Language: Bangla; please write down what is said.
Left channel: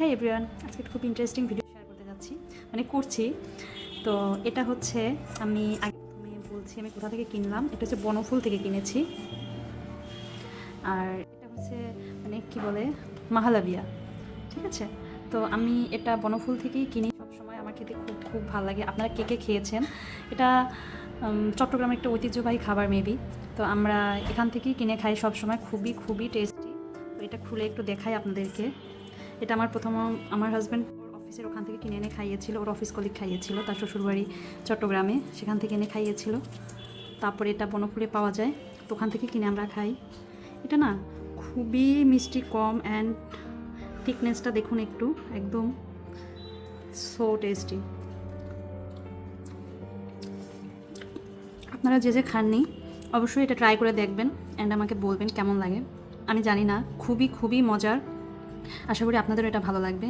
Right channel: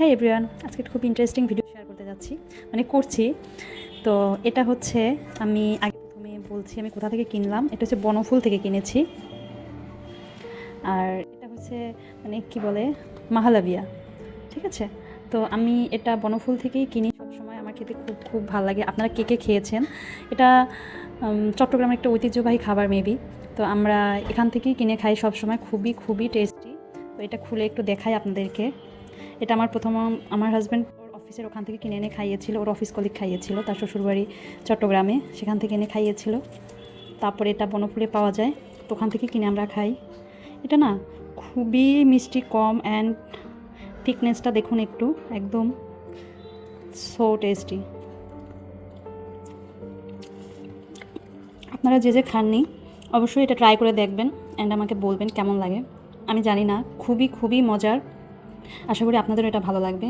হ্যাঁ এভরিওয়ান, আজকে খুব ইন্টারেস্টিং ভিডিও শেয়ার করতে যাচ্ছি, করছি। তো এটা হচ্ছে, আমি আগে প্রথমে বলছি আমি কোথা থেকে কিনলাম। এটা হচ্ছে বনফুল থেকে কিনেছি। আর এটা হচ্ছে কি বলে, মাহালাবিয়া, ঠিক আছে। তো আমি এটা বনফুল থেকেই কিনি সবসময়, আমার খেতে খুব খুব ভালো লাগে। আপনারা কে কে খেয়েছেন? এটা চট্টগ্রামের একটা ঐতিহ্যবাহী খাবার মেবি। তো আমরা এখান থেকেই কিনে খাই সবসময়, খুবই খুবই টেস্টি। তো এটা খুলে একটু দেখাই আপনাদেরকে। এটা আমার হাজব্যান্ড অফিসের ওখান থেকে কিনে এনে খাইয়েছিল, ওর অফিস কলিগ খাইয়েছিল, তার শ্বশুরবাড়ি চট্টগ্রামে, সেখান থেকে এনে খাইয়েছিল। তারপরে এটা বনফুলে পাওয়া যায়, তো ওখান থেকে কিনে আমরা খাই। এটা না খুবই মিষ্টি কম, অ্যান্ড থিকনেসটা দেখুন একটু, একদম সো টেস্টি। আপনারা যে যে খাননি অবশ্যই এটা ট্রাই করে দেখবেন অ্যান্ড আমাকে বলবেন কেমন লাগে। আমি জানি না, খুবই খুবই মজার। আশা করি আপনাদেরও এটা ভালো লাগবে।